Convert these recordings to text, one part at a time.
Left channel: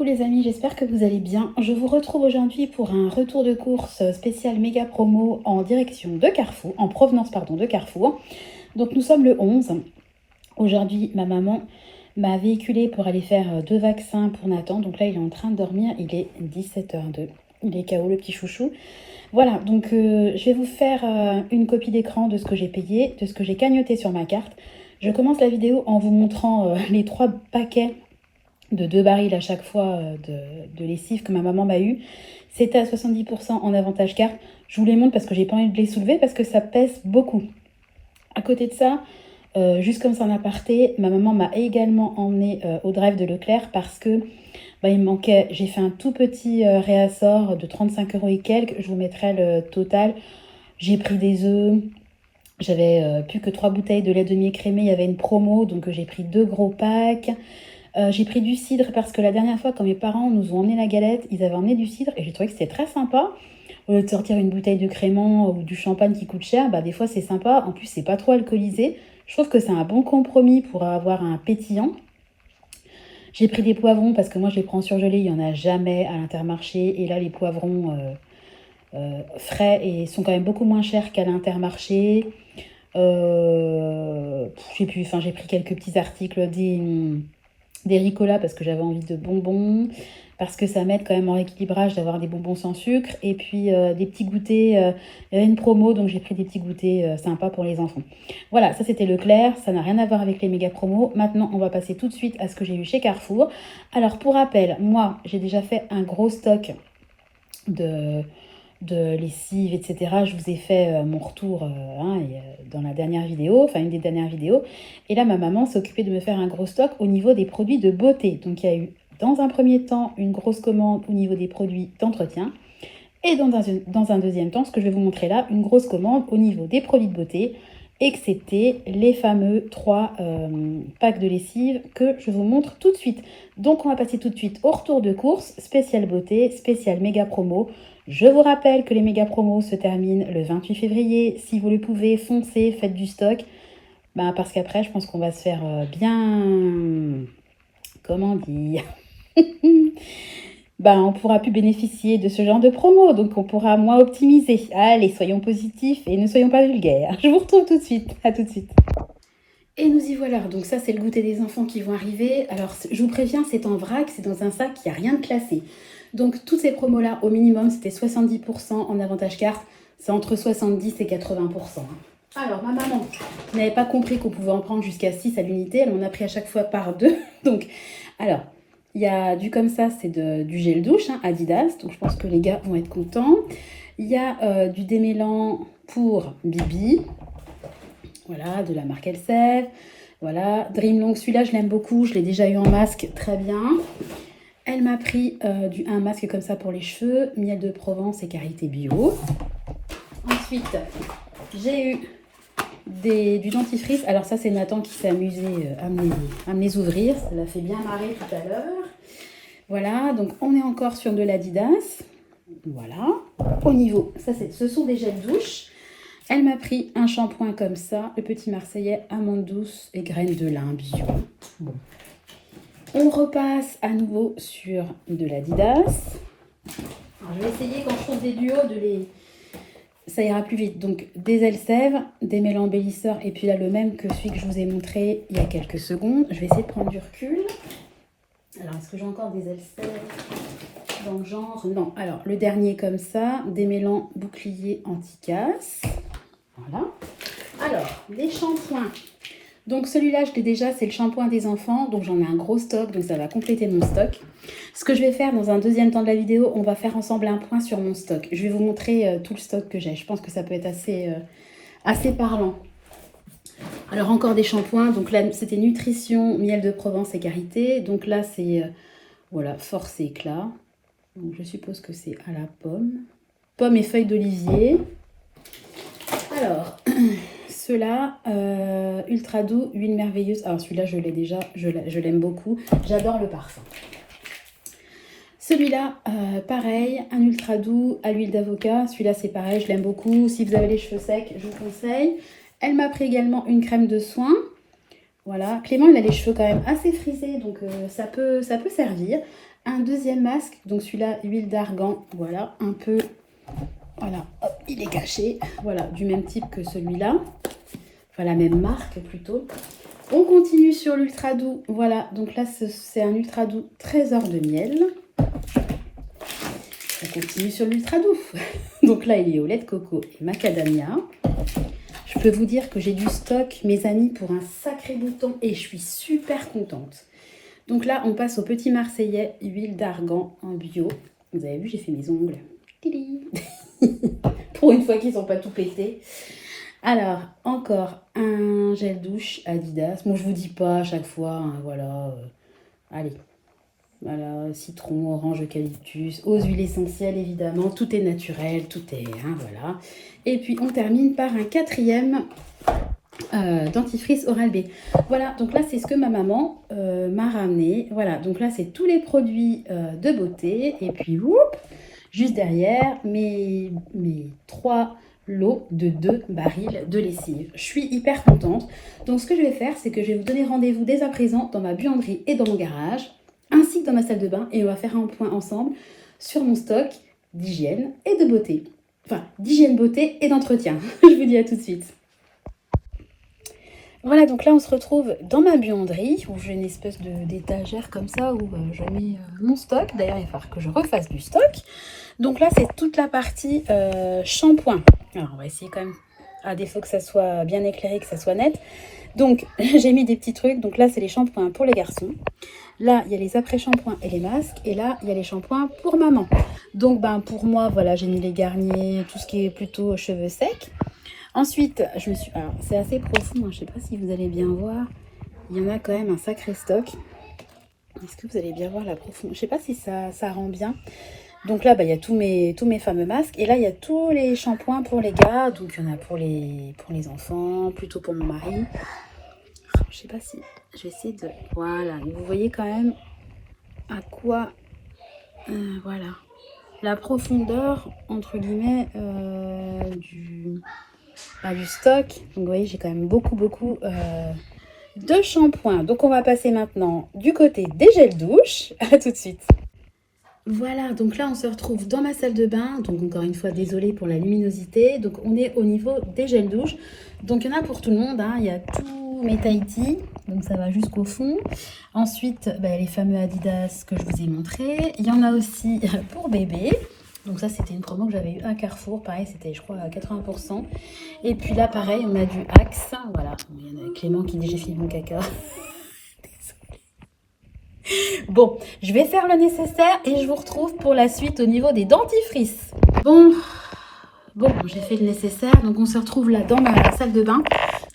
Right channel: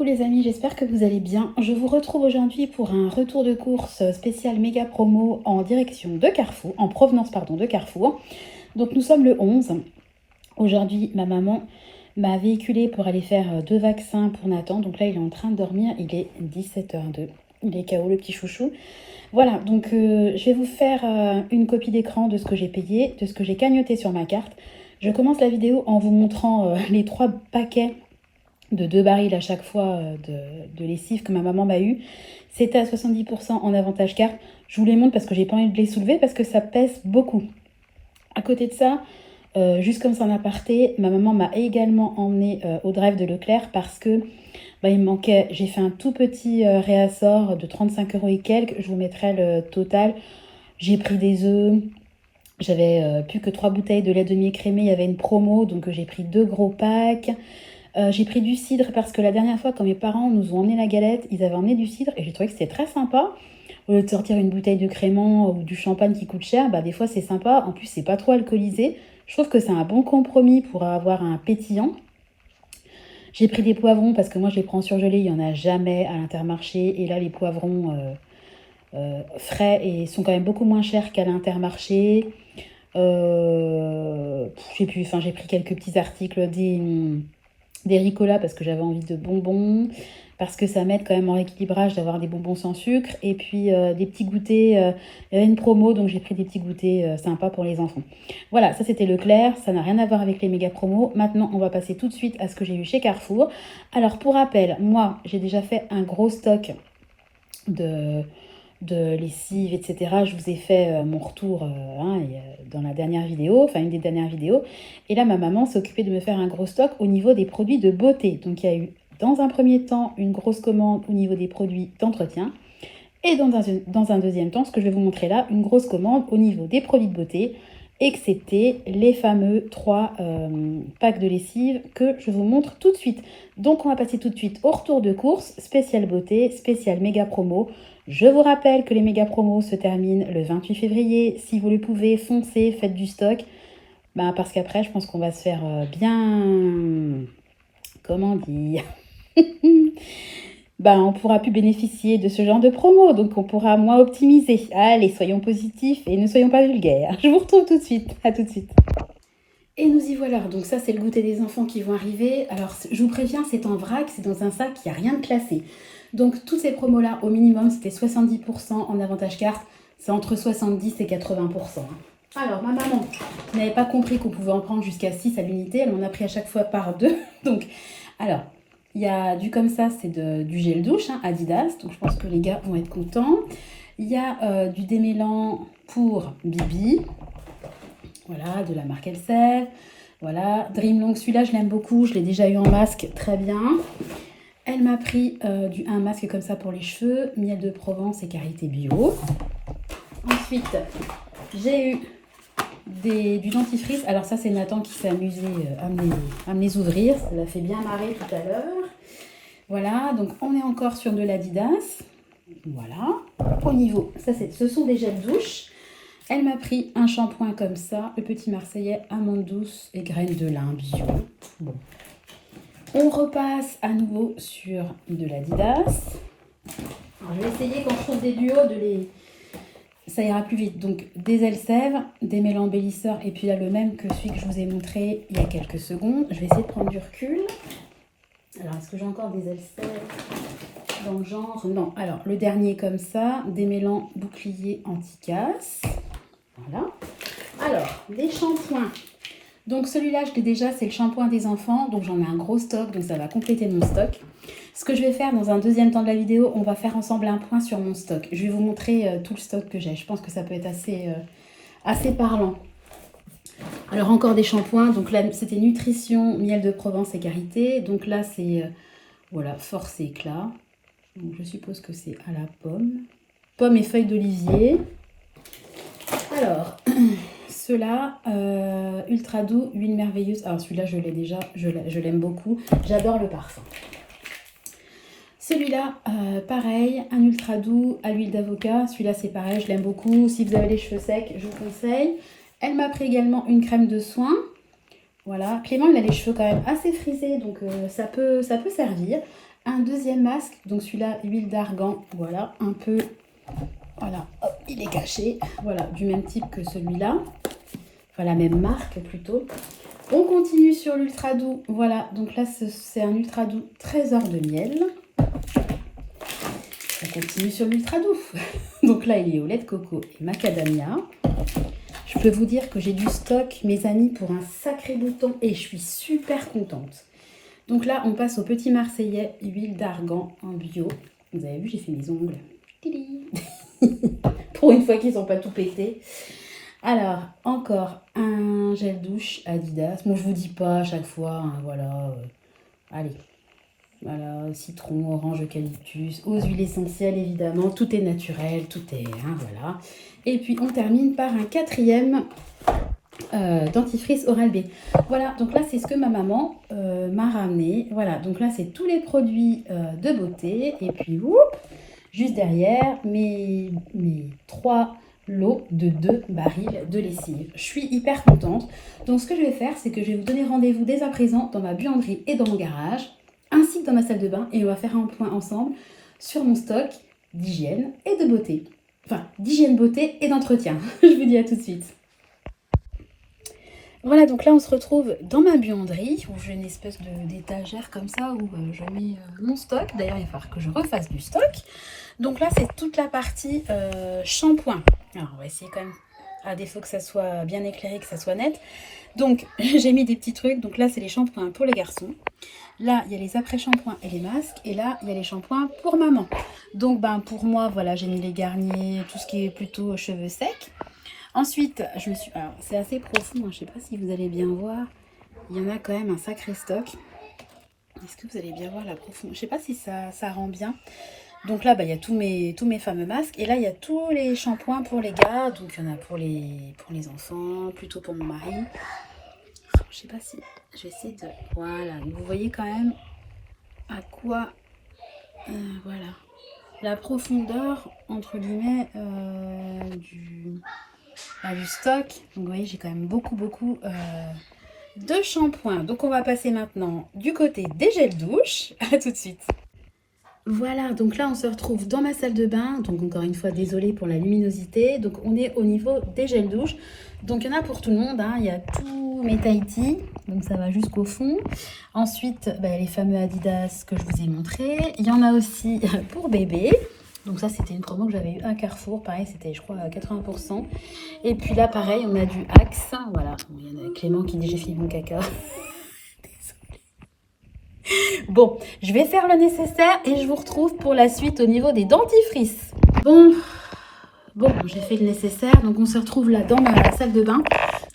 Coucou les amis, j'espère que vous allez bien. Je vous retrouve aujourd'hui pour un retour de course spécial méga promo en direction de Carrefour, en provenance pardon de Carrefour. Donc nous sommes le 11. Aujourd'hui, ma maman m'a véhiculé pour aller faire 2 vaccins pour Nathan. Donc là, il est en train de dormir, il est 17h02. Il est KO le petit chouchou. Voilà, donc je vais vous faire une copie d'écran de ce que j'ai payé, de ce que j'ai cagnoté sur ma carte. Je commence la vidéo en vous montrant les 3 paquets de 2 barils à chaque fois de lessive que ma maman m'a eu. C'était à 70% en avantage carte. Je vous les montre parce que j'ai pas envie de les soulever parce que ça pèse beaucoup. À côté de ça, juste comme ça en aparté, ma maman m'a également emmené au drive de Leclerc parce que il me manquait, j'ai fait un tout petit réassort de 35 € et quelques. Je vous mettrai le total. J'ai pris des œufs. J'avais plus que 3 bouteilles de lait demi-écrémé. Il y avait une promo, donc j'ai pris 2 gros packs. J'ai pris du cidre parce que la dernière fois, quand mes parents nous ont emmené la galette, ils avaient emmené du cidre et j'ai trouvé que c'était très sympa. Au lieu de sortir une bouteille de crément ou du champagne qui coûte cher, des fois c'est sympa. En plus, c'est pas trop alcoolisé. Je trouve que c'est un bon compromis pour avoir un pétillant. J'ai pris des poivrons parce que moi je les prends surgelés, il n'y en a jamais à l'Intermarché. Et là, les poivrons frais et sont quand même beaucoup moins chers qu'à l'Intermarché. J'ai pris quelques petits articles des Ricola parce que j'avais envie de bonbons, parce que ça m'aide quand même en équilibrage d'avoir des bonbons sans sucre, et puis des petits goûters, il y avait une promo donc j'ai pris des petits goûters sympas pour les enfants. Voilà, ça c'était Leclerc, ça n'a rien à voir avec les méga promos. Maintenant on va passer tout de suite à ce que j'ai eu chez Carrefour. Alors pour rappel, moi j'ai déjà fait un gros stock de lessive, etc. Je vous ai fait mon retour dans la dernière vidéo, enfin une des dernières vidéos. Et là, ma maman s'est occupée de me faire un gros stock au niveau des produits de beauté. Donc, il y a eu, dans un premier temps, une grosse commande au niveau des produits d'entretien. Et dans un deuxième temps, ce que je vais vous montrer là, une grosse commande au niveau des produits de beauté, excepté les fameux 3 packs de lessive que je vous montre tout de suite. Donc, on va passer tout de suite au retour de course, spécial beauté, spécial méga promo. Je vous rappelle que les méga promos se terminent le 28 février. Si vous le pouvez, foncez, faites du stock. Parce qu'après, je pense qu'on va se faire bien... Comment dire on pourra plus bénéficier de ce genre de promo. Donc, on pourra moins optimiser. Allez, soyons positifs et ne soyons pas vulgaires. Je vous retrouve tout de suite. À tout de suite. Et nous y voilà. Donc ça, c'est le goûter des enfants qui vont arriver. Alors, je vous préviens, c'est en vrac. C'est dans un sac, il n'y a rien de classé. Donc, toutes ces promos-là, au minimum, c'était 70% en avantage carte. C'est entre 70 et 80%. Alors, ma maman n'avait pas compris qu'on pouvait en prendre jusqu'à 6 à l'unité. Elle m'en a pris à chaque fois par 2. Donc, alors, il y a du comme ça, c'est du gel douche, Adidas. Donc, je pense que les gars vont être contents. Il y a du démêlant pour Bibi. Voilà, de la marque Elseve. Voilà, Dreamlong, celui-là, je l'aime beaucoup. Je l'ai déjà eu en masque, très bien. Elle m'a pris un masque comme ça pour les cheveux, miel de Provence et karité bio. Ensuite, j'ai eu du dentifrice. Alors ça, c'est Nathan qui s'est amusé à me les ouvrir. Ça l'a fait bien marrer tout à l'heure. Voilà, donc on est encore sur de l'Adidas. Voilà. Au niveau, ce sont des gels douche. Elle m'a pris un shampoing comme ça, le petit Marseillais, amande douce et graines de lin bio. Bon. On repasse à nouveau sur de l'Adidas. Alors, je vais essayer quand je trouve des duos ça ira plus vite. Donc, des Elseve, des mélans embellisseurs, et puis là, le même que celui que je vous ai montré il y a quelques secondes. Je vais essayer de prendre du recul. Alors, est-ce que j'ai encore des Elseve dans le genre? Non. Alors, le dernier comme ça, des mélans bouclier anti-casse. Voilà. Alors, des shampoings. Donc celui-là, je l'ai déjà, c'est le shampoing des enfants. Donc j'en ai un gros stock, donc ça va compléter mon stock. Ce que je vais faire dans un deuxième temps de la vidéo, on va faire ensemble un point sur mon stock. Je vais vous montrer tout le stock que j'ai. Je pense que ça peut être assez parlant. Alors encore des shampoings. Donc là, c'était Nutrition, miel de Provence et karité. Donc là, c'est voilà, Force et Éclat. Donc je suppose que c'est à la pomme. Pomme et feuilles d'olivier. Alors... Ceux-là, ultra doux, huile merveilleuse. Alors celui-là, je l'ai déjà, je l'aime beaucoup. J'adore le parfum. Celui-là, pareil, un ultra doux à l'huile d'avocat. Celui-là, c'est pareil, je l'aime beaucoup. Si vous avez les cheveux secs, je vous conseille. Elle m'a pris également une crème de soin. Voilà, Clément, il a les cheveux quand même assez frisés, donc ça peut servir. Un deuxième masque, donc celui-là, huile d'argan, voilà, un peu, voilà, hop, il est caché, voilà, du même type que celui-là, enfin la même marque plutôt. On continue sur l'ultra doux, voilà, donc là c'est un ultra doux trésor de miel. On continue sur l'ultra doux, donc là il est au lait de coco et macadamia. Je peux vous dire que j'ai du stock, mes amis, pour un sacré bouton et je suis super contente. Donc là, on passe au petit marseillais, huile d'argan en bio. Vous avez vu, j'ai fait mes ongles. Pour une fois qu'ils sont pas tout pétés. Alors, encore un gel douche Adidas. Moi, je vous dis pas à chaque fois, hein, voilà. Allez, voilà, citron, orange, eucalyptus, aux huiles essentielles, évidemment. Tout est naturel, tout est, hein, voilà. Et puis, on termine par un quatrième dentifrice Oral-B. Voilà, donc là c'est ce que ma maman m'a ramené. Voilà, donc là c'est tous les produits de beauté. Et puis, whoop, juste derrière, mes 3 lots de 2 barils de lessive. Je suis hyper contente. Donc ce que je vais faire, c'est que je vais vous donner rendez-vous dès à présent dans ma buanderie et dans mon garage, ainsi que dans ma salle de bain. Et on va faire un point ensemble sur mon stock d'hygiène et de beauté. Enfin, d'hygiène, beauté et d'entretien. Je vous dis à tout de suite. Voilà, donc là on se retrouve dans ma buanderie où j'ai une espèce d'étagère comme ça où je mets mon stock. D'ailleurs, il va falloir que je refasse du stock. Donc là, c'est toute la partie shampoing. Alors, on va essayer quand même, à défaut que ça soit bien éclairé, que ça soit net. Donc, j'ai mis des petits trucs. Donc là, c'est les shampoings pour les garçons. Là, il y a les après-shampoings et les masques. Et là, il y a les shampoings pour maman. Donc, ben, pour moi, voilà, j'ai mis les Garnier, tout ce qui est plutôt cheveux secs. Ensuite, alors, c'est assez profond, hein, je ne sais pas si vous allez bien voir. Il y en a quand même un sacré stock. Est-ce que vous allez bien voir la profondeur? Je ne sais pas si ça rend bien. Donc là, bah, il y a tous mes fameux masques. Et là, il y a tous les shampoings pour les gars. Donc, il y en a pour les enfants, plutôt pour mon mari. Je ne sais pas si... Je vais essayer de... Voilà, vous voyez quand même à quoi... voilà. La profondeur, entre guillemets, du stock. Donc, vous voyez, j'ai quand même beaucoup de shampoing. Donc, on va passer maintenant du côté des gels douche. À tout de suite. Voilà, donc là, on se retrouve dans ma salle de bain. Donc, encore une fois, désolée pour la luminosité. Donc, on est au niveau des gels douche. Donc, il y en a pour tout le monde, hein. Il y a tous mes Tahiti. Donc, ça va jusqu'au fond. Ensuite, bah, les fameux Adidas que je vous ai montrés. Il y en a aussi pour bébé. Donc ça, c'était une promo que j'avais eu à Carrefour. Pareil, c'était, je crois, à 80%. Et puis là, pareil, on a du Axe. Voilà. Il y en a Clément qui dit j'ai fini mon caca. Désolée. Bon, je vais faire le nécessaire et je vous retrouve pour la suite au niveau des dentifrices. Bon, j'ai fait le nécessaire. Donc on se retrouve là dans ma salle de bain.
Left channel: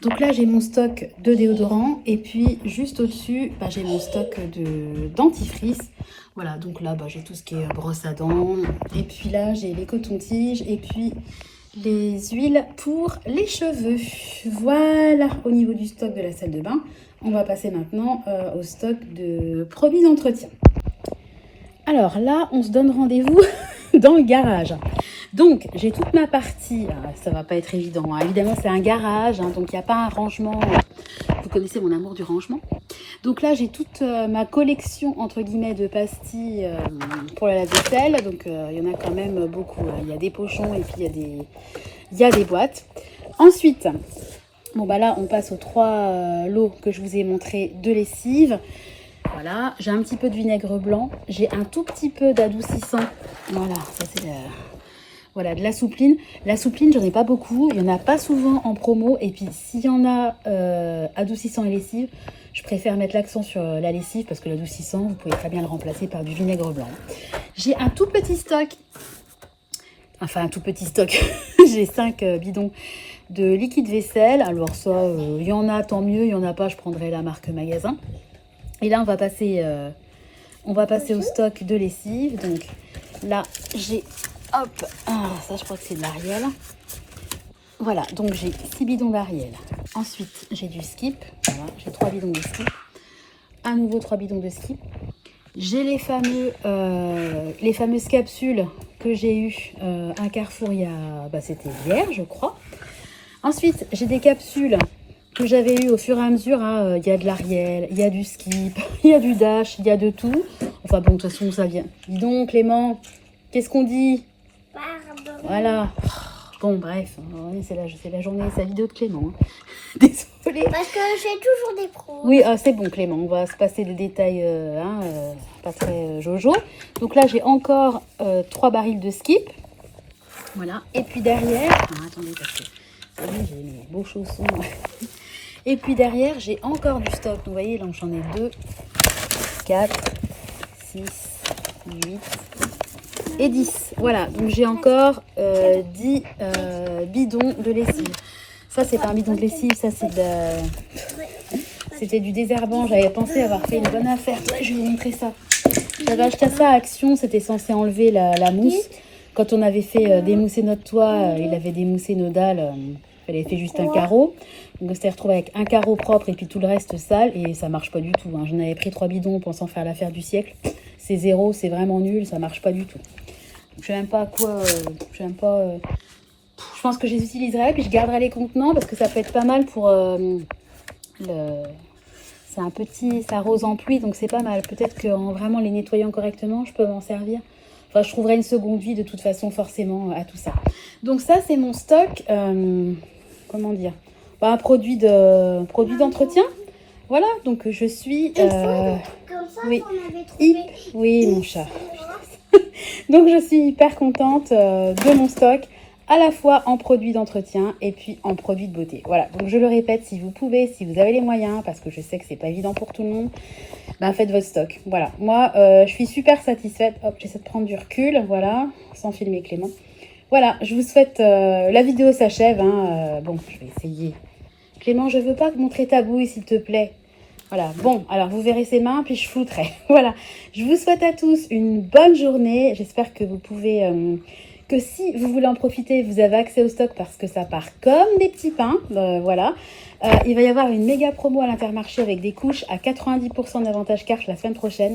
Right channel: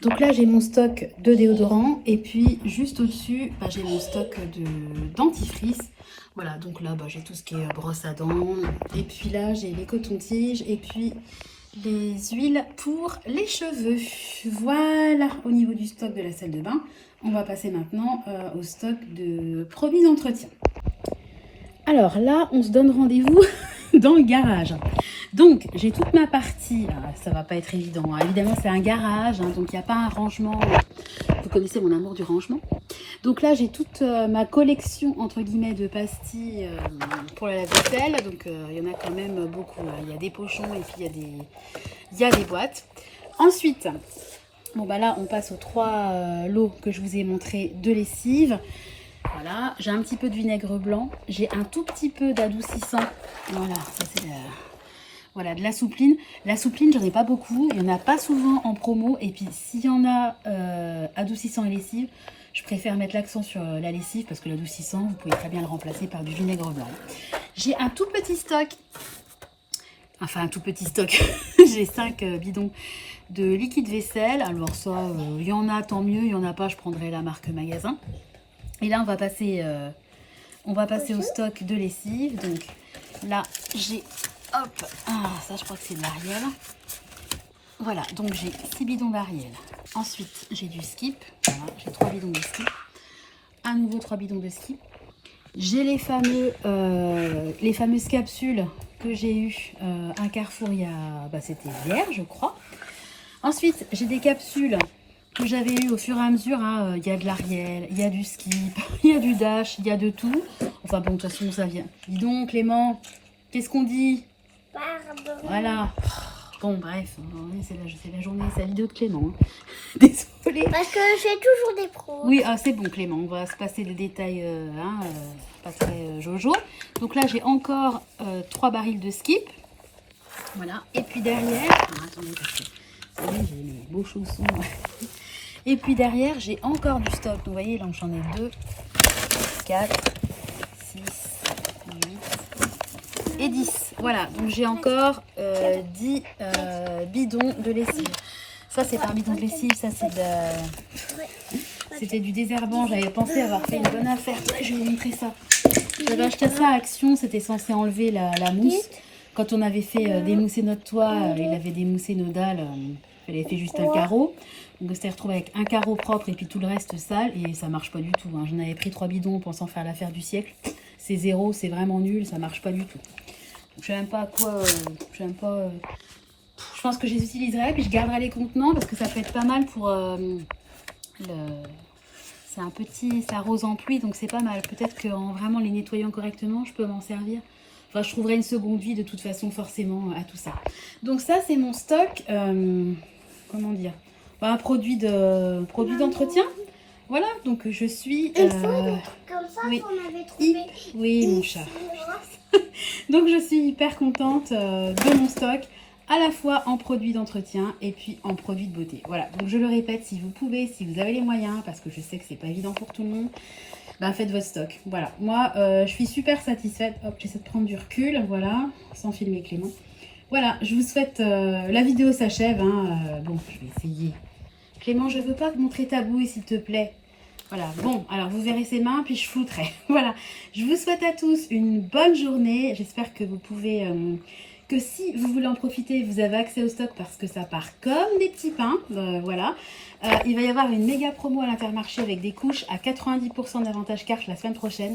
Donc là, j'ai mon stock de déodorant. Et puis, juste au-dessus, bah, j'ai mon stock de dentifrice. Voilà, donc là, bah, j'ai tout ce qui est brosse à dents. Et puis là, j'ai les cotons-tiges et puis les huiles pour les cheveux. Voilà, au niveau du stock de la salle de bain. On va passer maintenant au stock de produits d'entretien. Alors là, on se donne rendez-vous dans le garage. Donc, j'ai toute ma partie. Ah, ça va pas être évident, hein. Évidemment, c'est un garage, hein, donc il n'y a pas un rangement. Vous connaissez mon amour du rangement. Donc là, j'ai toute ma collection, entre guillemets, de pastilles pour la vaisselle. Donc, il y en a quand même beaucoup. Il y a des pochons et puis il y a des boîtes. Ensuite, bon, bah là, on passe aux 3 lots que je vous ai montré de lessive. Voilà, j'ai un petit peu de vinaigre blanc. J'ai un tout petit peu d'adoucissant. Voilà, ça c'est voilà, de la soupline. La soupline, j'en ai pas beaucoup. Il n'y en a pas souvent en promo. Et puis, s'il y en a adoucissant et lessive, je préfère mettre l'accent sur la lessive parce que l'adoucissant, vous pouvez très bien le remplacer par du vinaigre blanc. J'ai un tout petit stock. Enfin, un tout petit stock. J'ai 5 bidons de liquide vaisselle. Alors ça, il y en a, tant mieux. Il n'y en a pas, je prendrai la marque magasin. Et là, on va passer au stock de lessive. Donc là, j'ai... Hop, alors ça, je crois que c'est de l'Ariel. Voilà, donc j'ai 6 bidons d'Ariel. Ensuite, j'ai du Skip. Voilà, j'ai 3 bidons de Skip. À nouveau, 3 bidons de Skip. J'ai les fameuses capsules que j'ai eues à Carrefour il y a... Bah, c'était hier, je crois. Ensuite, j'ai des capsules que j'avais eu au fur et à mesure. Hein. Il y a de l'Ariel, il y a du Skip, il y a du Dash, il y a de tout. Enfin bon, de toute façon, ça vient. Dis donc, Clément, qu'est-ce qu'on dit? Pardon. Voilà. Bon, bref, c'est la journée, c'est la vidéo de Clément. Hein. Désolée. Parce que je fais toujours des pros. Oui, c'est bon, Clément, on va se passer de détails pas très jojo. Donc là, j'ai encore 3 barils de Skip. Voilà. Et puis derrière... Ah, attendez, parce que ça y est, j'ai mes beaux chaussons. Et puis derrière, j'ai encore du stock. Donc, vous voyez, là, j'en ai 2, 4, 6, 8 et 10. Voilà, donc j'ai encore 10 bidons de lessive. Ça, c'est pas un bidon de lessive, ça, c'est c'était du désherbant. J'avais pensé avoir fait une bonne affaire. Ouais, je vais vous montrer ça. J'avais acheté ça à Action, c'était censé enlever la mousse. Quand on avait fait démousser notre toit, il avait démoussé nos dalles. Il avait fait juste un carreau. Donc on s'était retrouvé avec un carreau propre et puis tout le reste sale. Et ça marche pas du tout. Hein. J'en avais pris 3 bidons pensant faire l'affaire du siècle. C'est zéro, c'est vraiment nul, ça marche pas du tout. Je sais même pas à quoi... Je pense que je les utiliserai, puis je garderai les contenants parce que ça peut être pas mal pour c'est un petit, ça rose en pluie, donc c'est pas mal. Peut-être qu'en vraiment les nettoyant correctement, je peux m'en servir. Enfin, je trouverai une seconde vie de toute façon forcément à tout ça. Donc ça, c'est mon stock, comment dire, un produit d'entretien. Voilà, donc je suis... Comme ça, oui. on avait trouvé. Oui, mon chat. Donc je suis hyper contente de mon stock, à la fois en produits d'entretien et puis en produits de beauté. Voilà, donc je le répète, si vous pouvez, si vous avez les moyens, parce que je sais que c'est pas évident pour tout le monde, ben faites votre stock. Voilà, moi je suis super satisfaite. Hop, j'essaie de prendre du recul, voilà, sans filmer Clément. Voilà, je vous souhaite, la vidéo s'achève, hein, bon, je vais essayer. Clément, je veux pas montrer ta bouille, s'il te plaît. Voilà, bon, alors vous verrez ses mains, puis je foutrai. Voilà, je vous souhaite à tous une bonne journée. J'espère que vous pouvez, que si vous voulez en profiter, vous avez accès au stock parce que ça part comme des petits pains. Voilà, il va y avoir une méga promo à l'Intermarché avec des couches à 90% d'avantage carte la semaine prochaine.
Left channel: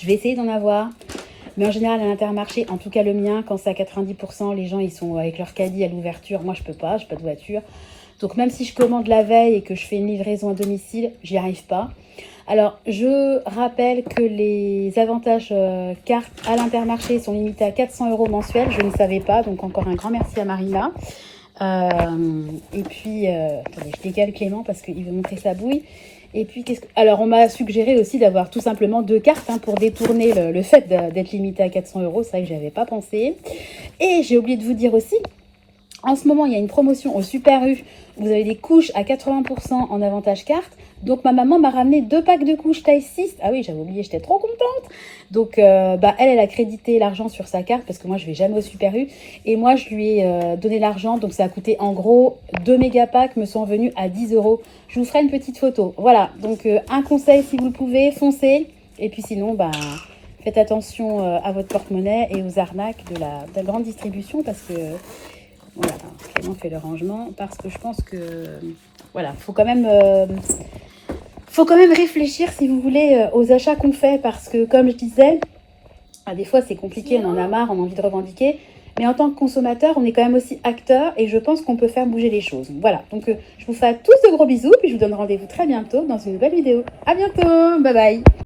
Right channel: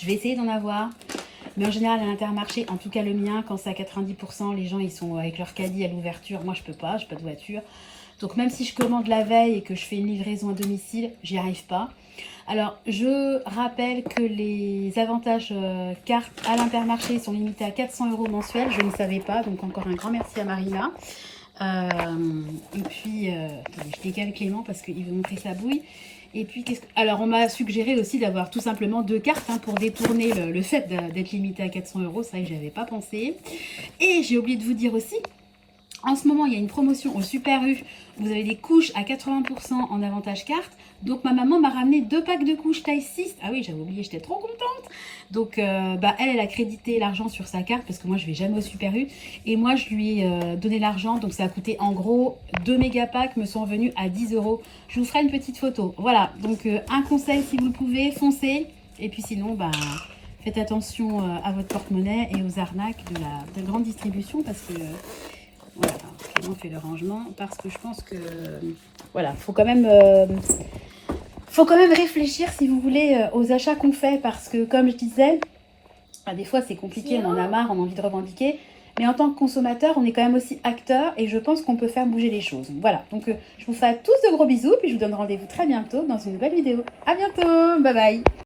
Je vais essayer d'en avoir. Mais en général, à l'Intermarché, en tout cas le mien, quand c'est à 90%, les gens ils sont avec leur caddie à l'ouverture. Moi, je peux pas, j'ai pas de voiture. Donc même si je commande la veille et que je fais une livraison à domicile, j'y arrive pas. Alors, je rappelle que les avantages cartes à l'Intermarché sont limités à 400 € mensuels. Je ne savais pas, donc encore un grand merci à Marina. Et puis, attendez, je décale Clément parce qu'il veut montrer sa bouille. Et puis, alors, on m'a suggéré aussi d'avoir tout simplement 2 cartes hein, pour détourner le fait d'être limité à 400 €. C'est vrai que je n'avais pas pensé. Et j'ai oublié de vous dire aussi, en ce moment, il y a une promotion au Super U. Vous avez des couches à 80% en avantage carte. Donc, ma maman m'a ramené 2 packs de couches taille 6. Ah oui, j'avais oublié, j'étais trop contente. Donc, elle a crédité l'argent sur sa carte parce que moi, je vais jamais au Super U. Et moi, je lui ai donné l'argent. Donc, ça a coûté en gros 2 méga packs me sont venus à 10 €. Je vous ferai une petite photo. Voilà. Donc, un conseil, si vous le pouvez, foncez. Et puis sinon, faites attention à votre porte-monnaie et aux arnaques de la grande distribution parce que... Voilà, on fait le rangement parce que je pense que voilà, faut quand même réfléchir si vous voulez aux achats qu'on fait parce que comme je disais, des fois c'est compliqué, on en a marre, on a envie de revendiquer, mais en tant que consommateur, on est quand même aussi acteur et je pense qu'on peut faire bouger les choses. Voilà, donc je vous fais à tous de gros bisous puis je vous donne rendez-vous très bientôt dans une nouvelle vidéo. À bientôt, bye bye.